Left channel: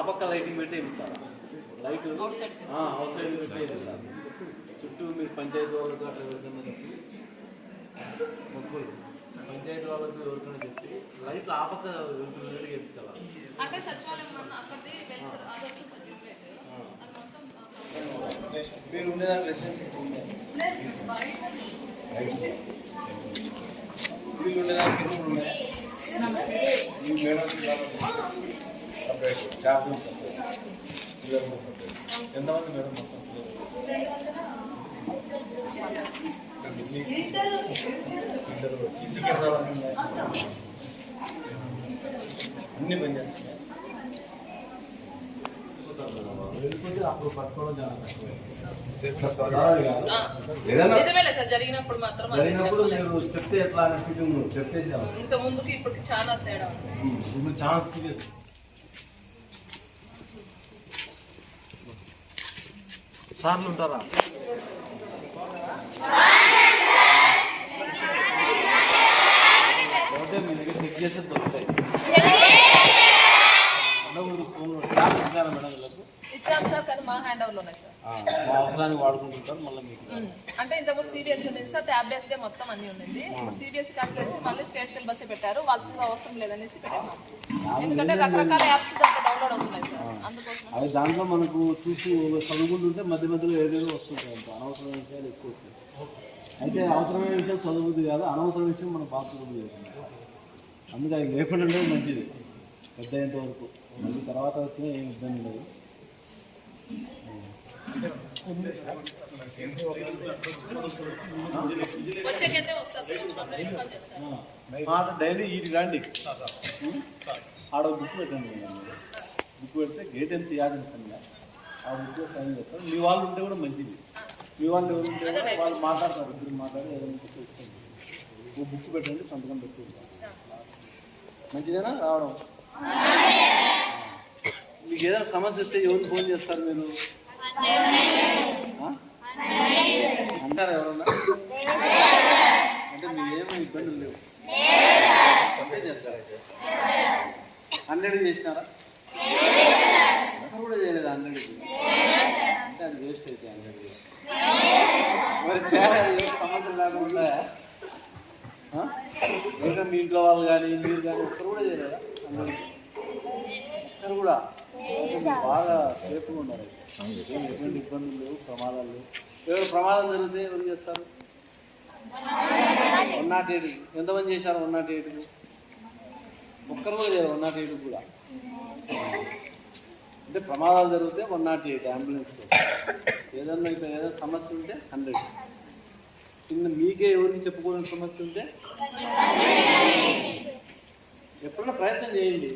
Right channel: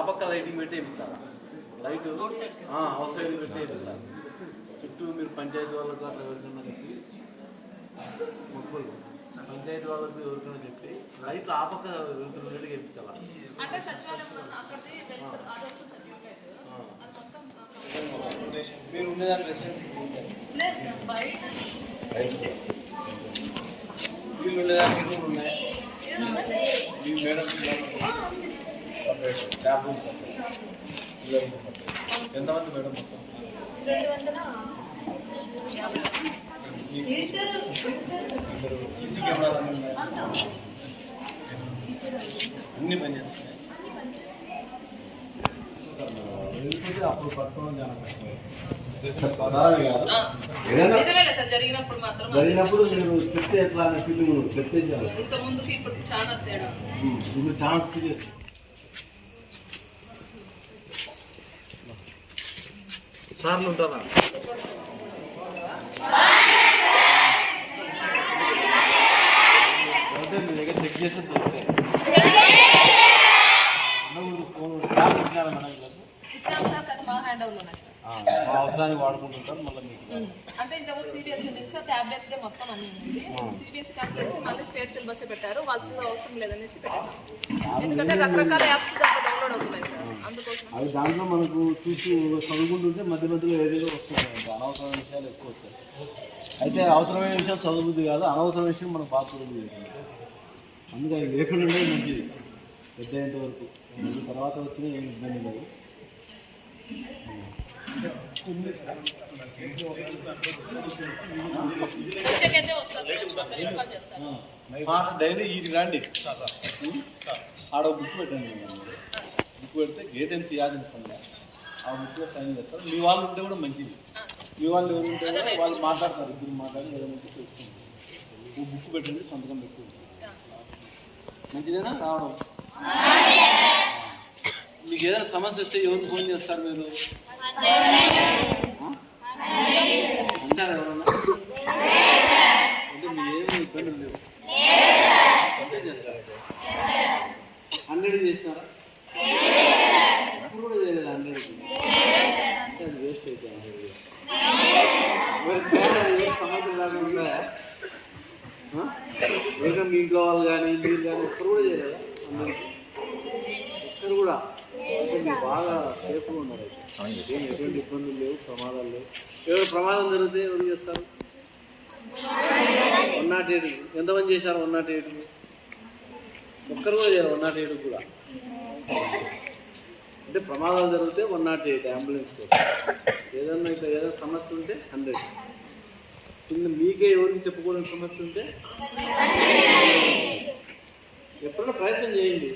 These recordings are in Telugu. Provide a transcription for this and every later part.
ఆ పక్క లైటింగ్ పెట్టి వేయించాలి లైట్ అవుట్ సైడ్ పెట్టి వేయించాలి చుట్టూ మీరు పంచాయతీ వాళ్ళకు అట్లా ఎవరికైనా చెప్పి మొక్కులు. పంచాయతీ వాళ్ళకు ఎవరికైనా చెప్పి లైట్లు ఆ పక్క వెళ్తున్నట్టు ఆ, మీరు బయట వీళ్ళు ఉండేదానికి రూమ్ ఉన్నాయా? మీ madam separate staff room separate పిల్లల రూమ్ సపరేట్ ఎంతమంది మేడం మొత్తం? ఇద్దరు సీసీ కెమెరాలు అన్నీ ఉన్నాయి అన్ని పనిచేస్తున్నాయి వెళ్ళిపోతే అప్పుడు పట్టుకోవడం చాలా జరిగినప్పుడు. మీరు చెప్తే ఎట్లా అనే ఫీలింగ్ నువ్వు చెప్తే చాలు. ఇంత ముందుకి ఇప్పటికి చాలా తేడా ఉంది. ఇప్పుడు సీరియస్ సార్లు ఉంటారా మీ దగ్గర చెక్ చేస్తే దొరుకుతాయి. ఫోన్ ట్యాబ్ ఇచ్చినారా మేడం వీళ్ళకు? మా అవసరానికి వాడుకుంటుంటారు మళ్ళీ మీకు. అంటే ఇంతకుముందు సిబిఎస్ఈ ఉంది సార్ ట్యాబ్లెట్స్ మొత్తం అన్ని ఉంది సిబిఎస్ఈ కలిసి మళ్ళీ స్టేట్ సిలబస్ పెట్టారు. వాళ్ళకి అవసరం లేదనేసి పెట్టారు. ఎందుకంటే రకరకాల యాప్స్ దాంట్లో డౌన్లోడ్ అవుతున్నాయి. సార్ అందుకోసం. అది దాంట్లో మనకు చూసి చదువుకుంటుంటే మధ్య మధ్యలో ఏదేదో వస్తుంటాయి అనవసరమైన విషయాలు ఎక్కువ వస్తాయి. అయితే అవసరమైన విషయం చదువుతుంది కాదు అనవసరమైన విషయం మనం బాగా చదువుతుంది అందుకే అది లేకుండా మంచిది. పెద్ద అయ్యేంత వరకు. మళ్ళీ తర్వాత వచ్చినా ఏం ఇబ్బంది లేదు మాట డైలీ ఇది రండి. ఆడ ఒక బుక్ పెట్టండి బుక్ పెడితే గేట్ ఎంత పని ఆ బుక్లో సైన్ చేస్తారు. మీ వాళ్ళు ఉంటే కూడా మంచిది. మీ వాళ్ళు ఎవరు ఉంటే కూడా వాళ్ళు మాట్లాడతారు. ఇద్దరు మాట్లాడి ఏదైనా తెలుసుకోండి. ఓ బుక్ పెట్టండి సంతకం పెట్టుకుంటాం ఆ. మంచిదేనా? రావడం. మీకు ఏదైనా సమస్య వస్తే ఎవరికి ఫోన్ చేస్తారు మీరు? అంటారు ఎవరన్నా? అంటే మీ ఏమి ఇబ్బందులు లేవు. అంటే చేస్తారు హండ్రెడ్ చేసినారా? ఒక్కరు కూడా చేయలేదు హండ్రెడ్ అంటే అది వేస్ట్ అయితే హండ్రెడ్ మీ ఇంట్లో వాళ్ళు కానీ మీరు కానీ ఒక్కరు కూడా చేయలేదా? హండ్రెడ్కి. ఒక్కరు కూడా? బాగా సేఫ్గా ఉన్నారు. ఏం ఎటువంటి ఇబ్బందులు లేవు ప్రమాదాలు లేవు. ఏదో ప్రమాదం జరిగితే ఎవరు చేస్తారు? వన్ నాట్ ఎయిట్ ఎంతమంది చేశారు వన్ నాట్ ఎయిట్ ఒక్కరు కూడా చేయరు వన్ నాట్ ఎయిట్ కూడా. అంటే ప్రమాదాలు జరిగితే వన్ నాట్ ఎయిట్ అంబులెన్స్ ఏదన్నా ఇక్కడ ఏదైనా సమస్య ఉంటే హండ్రెడ్ కింద మీకే ఎవరికి చెప్పుకోలేని సమస్య ఉంటే ఎప్పుడైనా ప్రయత్నం చేయండి.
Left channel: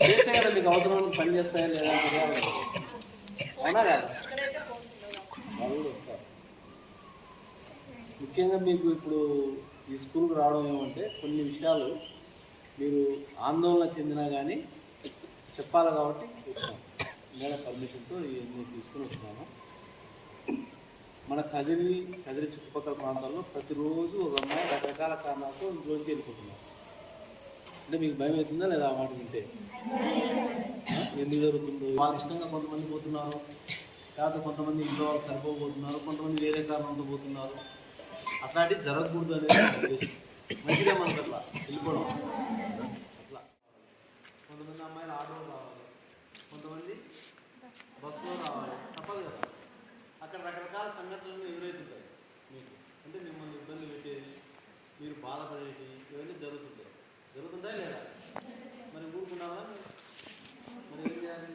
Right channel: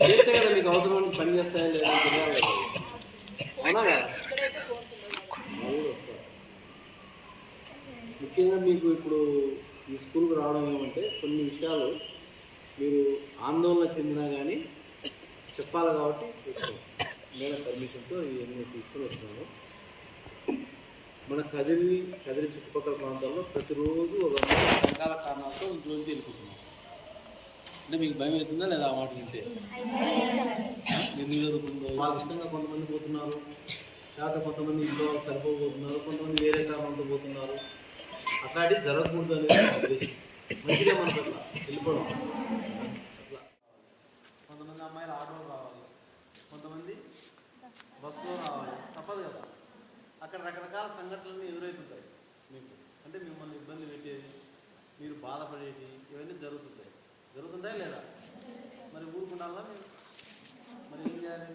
చేస్తే కదా మీకు అవసరం పని చేస్తాయా లేదా అవునా కదా? వస్తారు ముఖ్యంగా మీకు ఇప్పుడు ఈ స్కూల్కి రావడం ఏమంటే కొన్ని విషయాలు మీరు ఆందోళన చెందినా కానీ చెప్పాలి కాబట్టి వచ్చాను నేను పర్మిషన్తో ఇవన్నీ తీసుకుని వస్తున్నాను మన కదిరి కదిరి చుట్టుపక్కల ప్రాంతాల్లో ప్రతిరోజు ఒక అమ్మాయి రకరకాల కారణాలతో ఇంట్లోంచి వెళ్ళిపోతున్నారు. అంటే మీకు భయం అవుతుందా లేదా ఆ మాట వింటే? ఎందుకు జరుగుతుందో? వాళ్ళ ఇష్టంగా కొంతమంది పోతున్నారు. లేకపోతే కొంతమంది ఇంట్లో వాళ్ళు సరిపోబోతున్నారు. కొంతమంది వేరే కారణంతో పోతున్నారు. అట్లాంటివి జరగకూడదు అనేది ఉద్దేశం. మంచిగా మనకు అట్లా వెళ్ళిపోవడం. అట్లా. కొంతమంది అమ్మాయిలు ఆటోలు రావాలి. కొంతమంది బస్సులో రావాలి. తప్పదు కదా. అక్కడ రకరకాల సంఘటనలు ఎదురవుతుంటాయి మీకు అంటే మిమ్మల్ని ఇబ్బంది పెట్టేది మీరు బాధపడేది ఇవన్నీ జరుగుతుందా లేదా? మరి ఊరుకుంటారా మరి ఏం చేయాలి?